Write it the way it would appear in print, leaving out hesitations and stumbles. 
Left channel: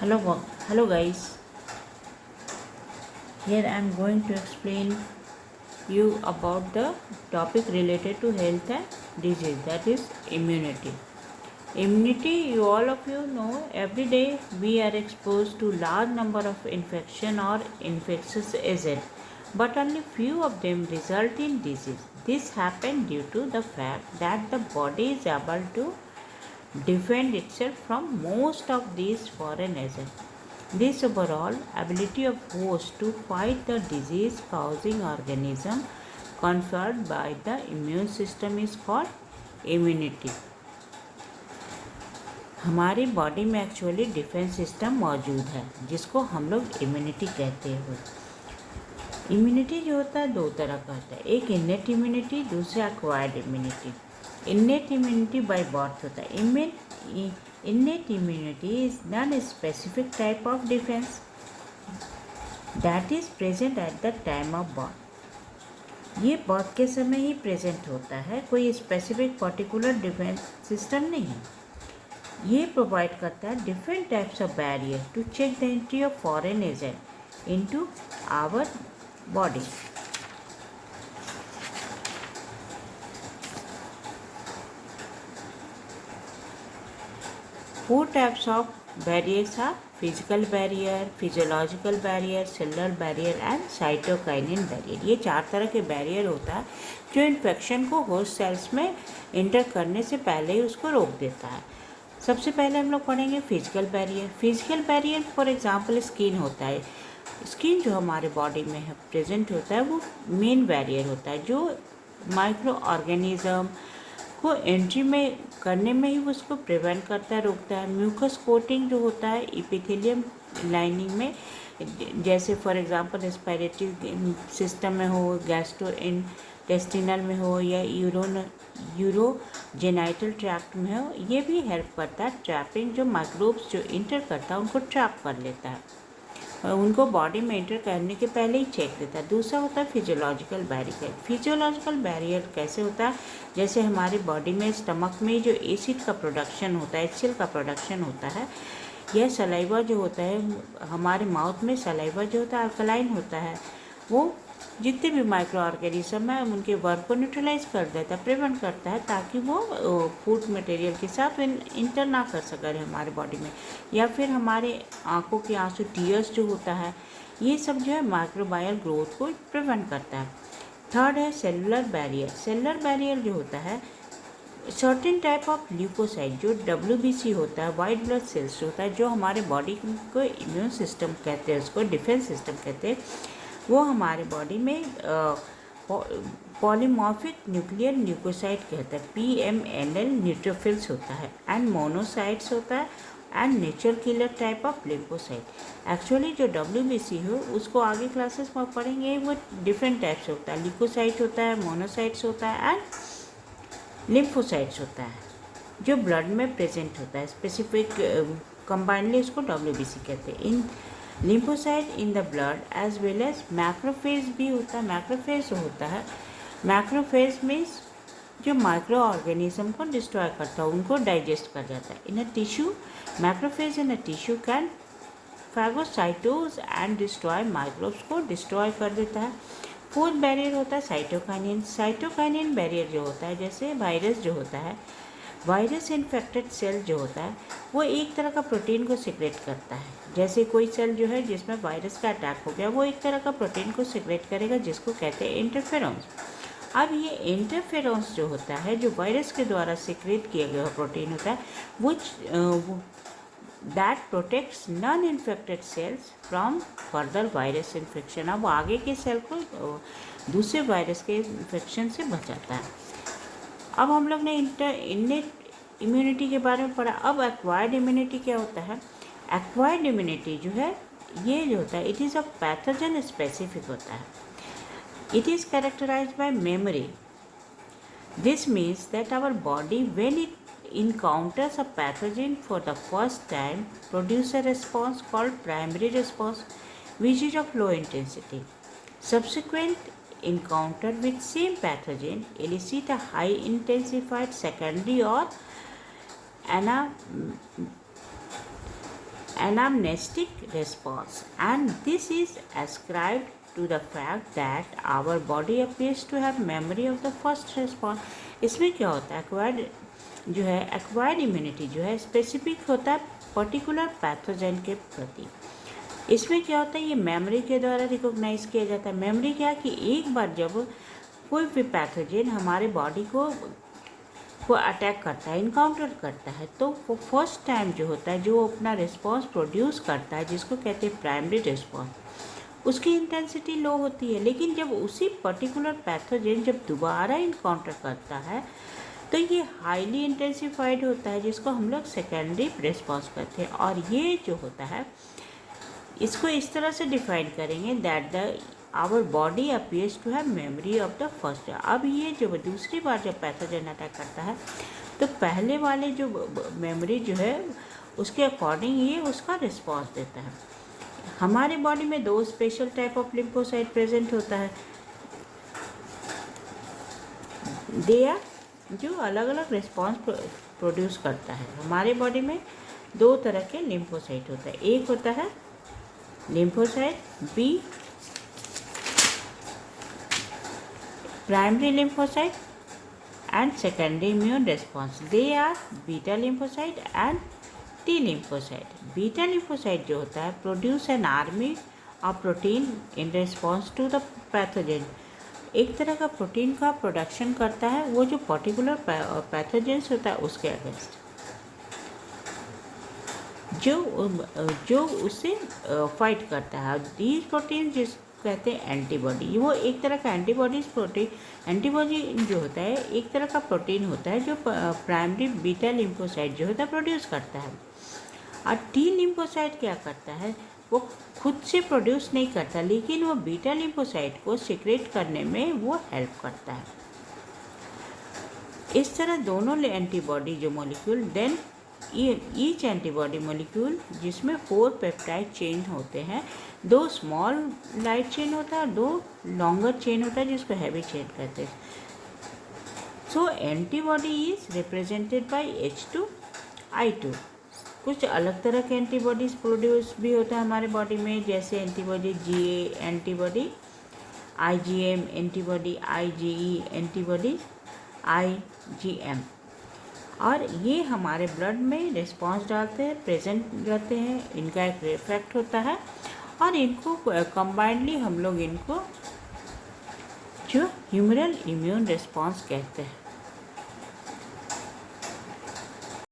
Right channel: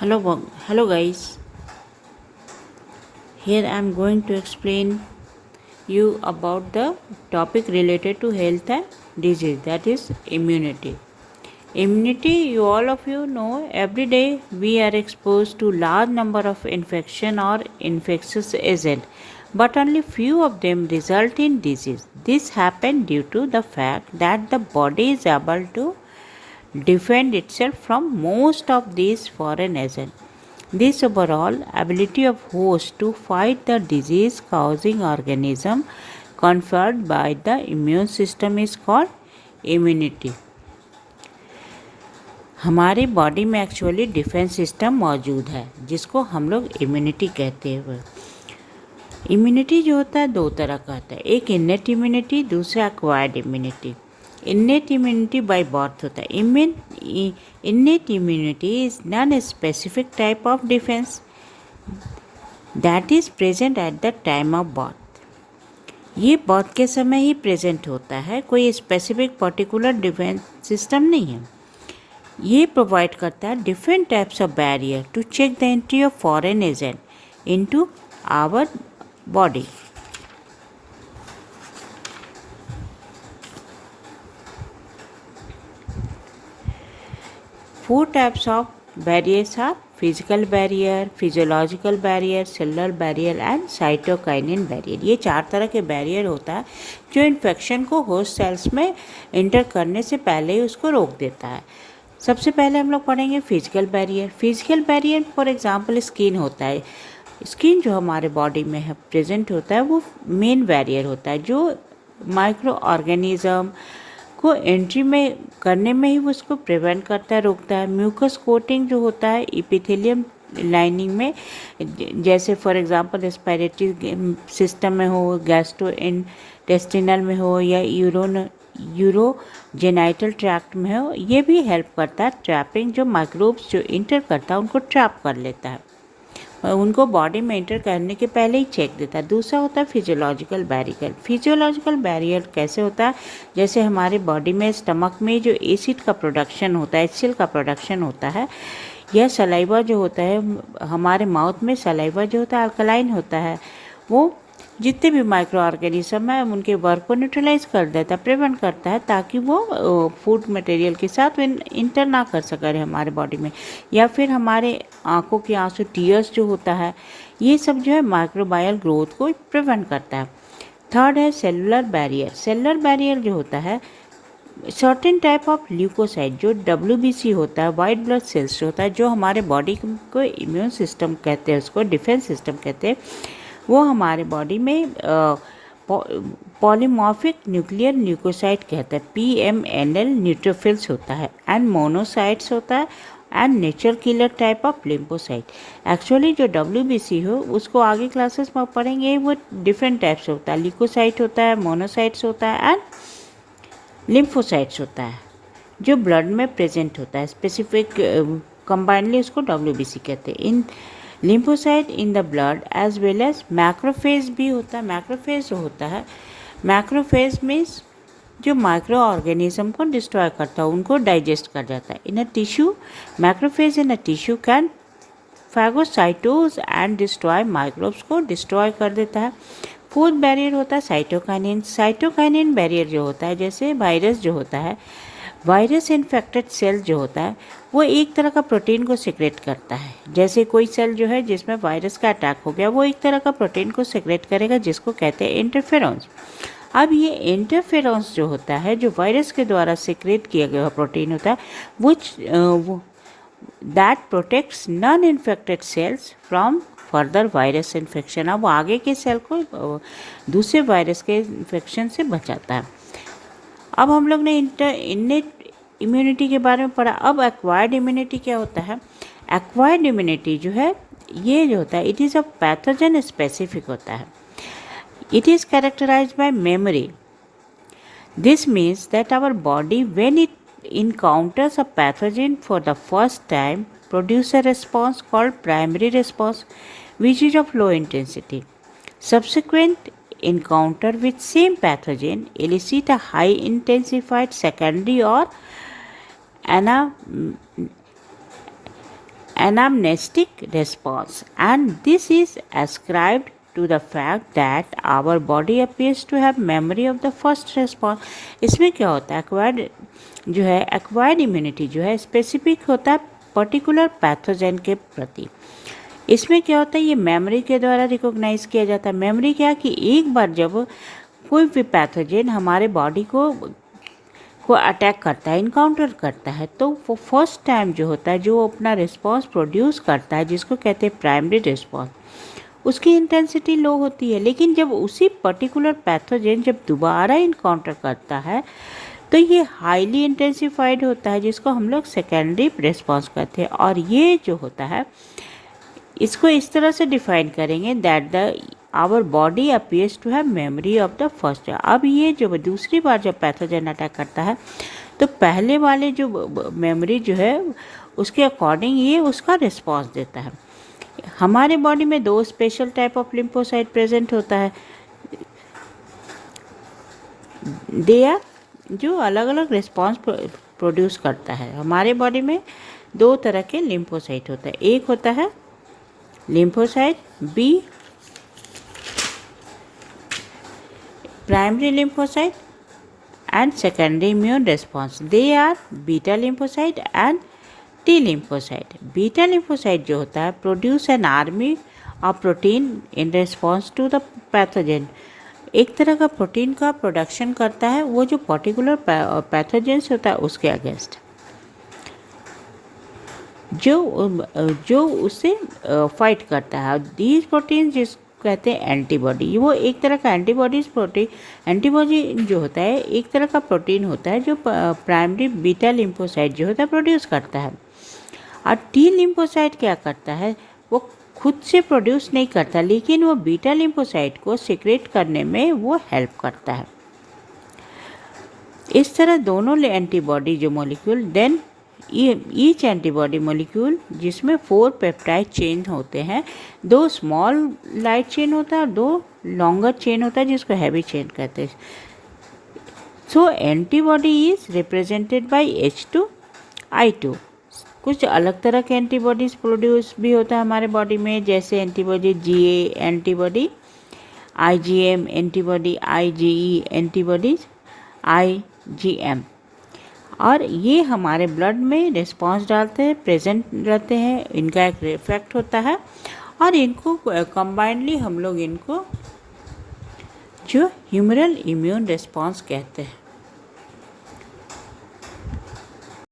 Hello guys. Here I am going to explain you about the topic related to health and disease, that is immunity. Immunity, you all of you know, every day we are exposed to large number of infection or infectious agent, but only few of them result in disease. This happen due to the fact that the body is able to defend itself from most of these foreign agents. This overall ability of host to fight the disease causing organism conferred by the immune system is called immunity. हमारी body में actually defence system मौजूद है जिसको हम लोग immunity कहते हैं। Immunity जो होता है दो तरह का होता है, एक इन्नेट इम्यूनिटी, दूसरा acquired immunity. Innate immunity by birth होता है। Innate immunity is non-specific type of defense that is present at the time of birth. ये बर्थ के समय ही प्रेजेंट होता है, कोई स्पेसिफिक पर्टिकुलर डिफेंस सिस्टम नहीं है। ये प्रोवाइड करता है different types of barrier to check the entry of foreign agent into our body. Four types of barriers are physical barrier, physiological barrier, cellular barrier and cytokinin barrier। ये चार तरह के barrier होता है जो इन्फेक्शन को होस्ट सेल्स में inter करने से पहले ही उसको रोक देता है। सबसे पहले हम लोग पढ़ेंगे physical barrier. Physical barrier for example skin होता है। स्किन जो हमारे बॉडी में है प्रेजेंट होता है वो मेन बैरियर होता है जो माइक्रो ऑर्गेनिज्म को एंट्री में करने में ही वो उसको प्रिवेंट करता है, रोकता है। म्यूकस कोटिंग जो होता है इपिथेलियम लाइनिंग में, जैसे फॉर एग्जांपल रेस्पिरेटरी सिस्टम में हो, गैस्ट्रो इंटेस्टिनल में हो या यूरोजेनाइटल ट्रैक्ट में हो, ये भी हेल्प करता है ट्रैपिंग। जो माइक्रोब्स जो इंटर करता है उनको ट्रैप कर लेता है और उनको बॉडी में इंटर करने के पहले ही चेक देता है। दूसरा होता है फिजियोलॉजिकल बैरियर। फिजियोलॉजिकल बैरियर कैसे होता है, जैसे हमारे बॉडी में स्टमक में जो एसिड का प्रोडक्शन होता है, HCl का प्रोडक्शन होता है, यह सलाइवा जो होता है हमारे माउथ में, सलाइवा जो होता है अल्कलाइन होता है, वो जितने भी माइक्रो ऑर्गेनिज्म है उनके वर्क को न्यूट्रलाइज कर देता है, प्रिवेंट करता है ताकि वो फूड मटेरियल के साथ इंटर ना कर सके हमारे बॉडी में। या फिर हमारे आंखों के आंसू, टीयर्स जो होता है, ये सब जो है माइक्रोबायल ग्रोथ को प्रिवेंट करता है। थर्ड है सेलुलर बैरियर। सेलुलर बैरियर जो होता है सर्टेन टाइप ऑफ ल्यूकोसाइट जो WBC होता है, वाइट ब्लड सेल्स होता है, जो हमारे बॉडी को इम्यून सिस्टम कहते हैं, उसको डिफेंस सिस्टम कहते हैं, वो हमारे बॉडी में पॉलीमॉर्फिक न्यूक्लियर ल्यूकोसाइट कहते हैं, PMNL न्यूट्रोफिल्स होता है, एंड मोनोसाइट्स होता है, and nature killer type of lymphocyte. Actually जो WBC हो उसको आगे क्लासेस में पढ़ेंगे, वो डिफरेंट टाइप्स होता है, ल्यूकोसाइट होता है, मोनोसाइट्स होता है एंड लिम्फोसाइट्स होता है, जो ब्लड में प्रेजेंट होता है। स्पेसिफिक कंबाइनली उसको WBC कहते हैं। In lymphocyte in the blood as well as macrophage भी होता है। मैक्रोफेज जो होता है, मैक्रोफेज मीन्स जो माइक्रो ऑर्गेनिज्म को डिस्ट्रॉय करता है, उनको डाइजेस्ट कर जाता है। In a tissue, macrophage in a tissue can phagocytose and destroy microbes को डिस्ट्रॉय कर देता है। फोर्थ बैरियर होता है साइटोकाइनिन। साइटोकाइनिन बैरियर जो होता है, जैसे वायरस जो होता है, वायरस इन्फेक्टेड सेल जो होता है वो एक तरह का प्रोटीन को सिक्रेट करता है। जैसे कोई सेल जो है जिसमें वायरस का अटैक हो गया, वो एक तरह का प्रोटीन को सिक्रेट करेगा जिसको कहते हैं इंटरफेरॉन्स। अब ये इंटरफेरॉन्स जो होता है, जो वायरस के द्वारा सिक्रेट किया गया प्रोटीन होता है, वो that protects non infected cells from further virus infection. अब आगे के सेल को दूसरे वायरस के इन्फेक्शन से बचाता है। अब हम लोग ने इन्नेट इम्यूनिटी के बारे में पढ़ा। अब एक्वायर्ड इम्यूनिटी क्या होता है। एक्वायर्ड इम्यूनिटी जो है, ये जो होता है, it is a pathogen specific होता है। It is characterised by memory. This means that our body when it encounters a pathogen for the first time produce a response called primary response, which is of low intensity. Subsequent encounter with same pathogen elicit a high intensified secondary or anamnestic response, and this is ascribed to the fact that our body appears to have memory of the first response. इसमें क्या होता है, acquired immunity जो है specific होता है particular pathogen के प्रति। इसमें क्या होता है, ये मेमोरी के द्वारा रिकॉग्नाइज किया जाता है। मेमोरी क्या कि एक बार जब कोई भी पैथोजन हमारे बॉडी को अटैक करता है, इनकाउंटर करता है, तो वो फर्स्ट टाइम जो होता है, जो वो अपना रिस्पॉन्स प्रोड्यूस करता है, जिसको कहते हैं प्राइमरी रिस्पॉन्स, उसकी इंटेंसिटी लो होती है। लेकिन जब उसी पर्टिकुलर पैथोजन जब दोबारा इनकाउंटर करता है तो ये हाईली इंटेंसिफाइड होता है, जिसको हम लोग सेकेंडरी रिस्पॉन्स कहते हैं। और ये जो होता है इसको इस तरह से डिफाइन करेंगे that our body appears to have memory of the first. अब ये जो दूसरी बार जब पैथोजन अटैक करता है तो पहले वाले जो मेमोरी जो है उसके अकॉर्डिंग ये उसका रिस्पॉन्स देता है। हमारे बॉडी में 2 special type of lymphocyte present होता है, जो अलग अलग रिस्पॉन्स प्रोड्यूस करता है। हमारे बॉडी में 2 तरह के लिम्फोसाइट होता है, एक होता है lymphocyte B, primary lymphocyte, and secondary immune response. They are beta lymphocyte and T lymphocyte. Beta lymphocyte जो होता है produce an army of protein in response to the pathogen. एक तरह का प्रोटीन का प्रोडक्शन करता है वो जो पर्टिकुलर पैथोजेंस होता है उसके अगेंस्ट, जो उससे फाइट करता है। दीज प्रोटीन जिस कहते हैं एंटीबॉडी, वो एक तरह का एंटीबॉडी जो होता है एक तरह का प्रोटीन होता है जो प्राइमरी बीटा लिम्फोसाइट जो होता है प्रोड्यूस करता है। और टी लिम्फोसाइट क्या करता है, वो खुद से प्रोड्यूस नहीं करता, लेकिन वो बीटा लिम्फोसाइट को सीक्रेट करने में वो हेल्प करता है। इस तरह दोनों एंटीबॉडी जो molecule, then each antibody molecule जिसमें 4 पेप्टाइड चेन होते हैं, 2 स्मॉल लाइट चेन होता है और 2 लॉन्गर चेन होता है जिसको हैवी चेन कहते हैं। So antibody is represented by H2I2। कुछ अलग तरह के एंटीबॉडीज प्रोड्यूस भी होता है हमारे बॉडी में, जैसे antibody GA antibody, IgM antibody, IgE antibodies, IgM। और ये हमारे ब्लड में रिस्पॉन्स डालते हैं, प्रेजेंट रहते हैं, इनका एक इफेक्ट होता है और इनको कंबाइंडली हम लोग इनको जो ह्यूमरल इम्यून रिस्पॉन्स कहते हैं।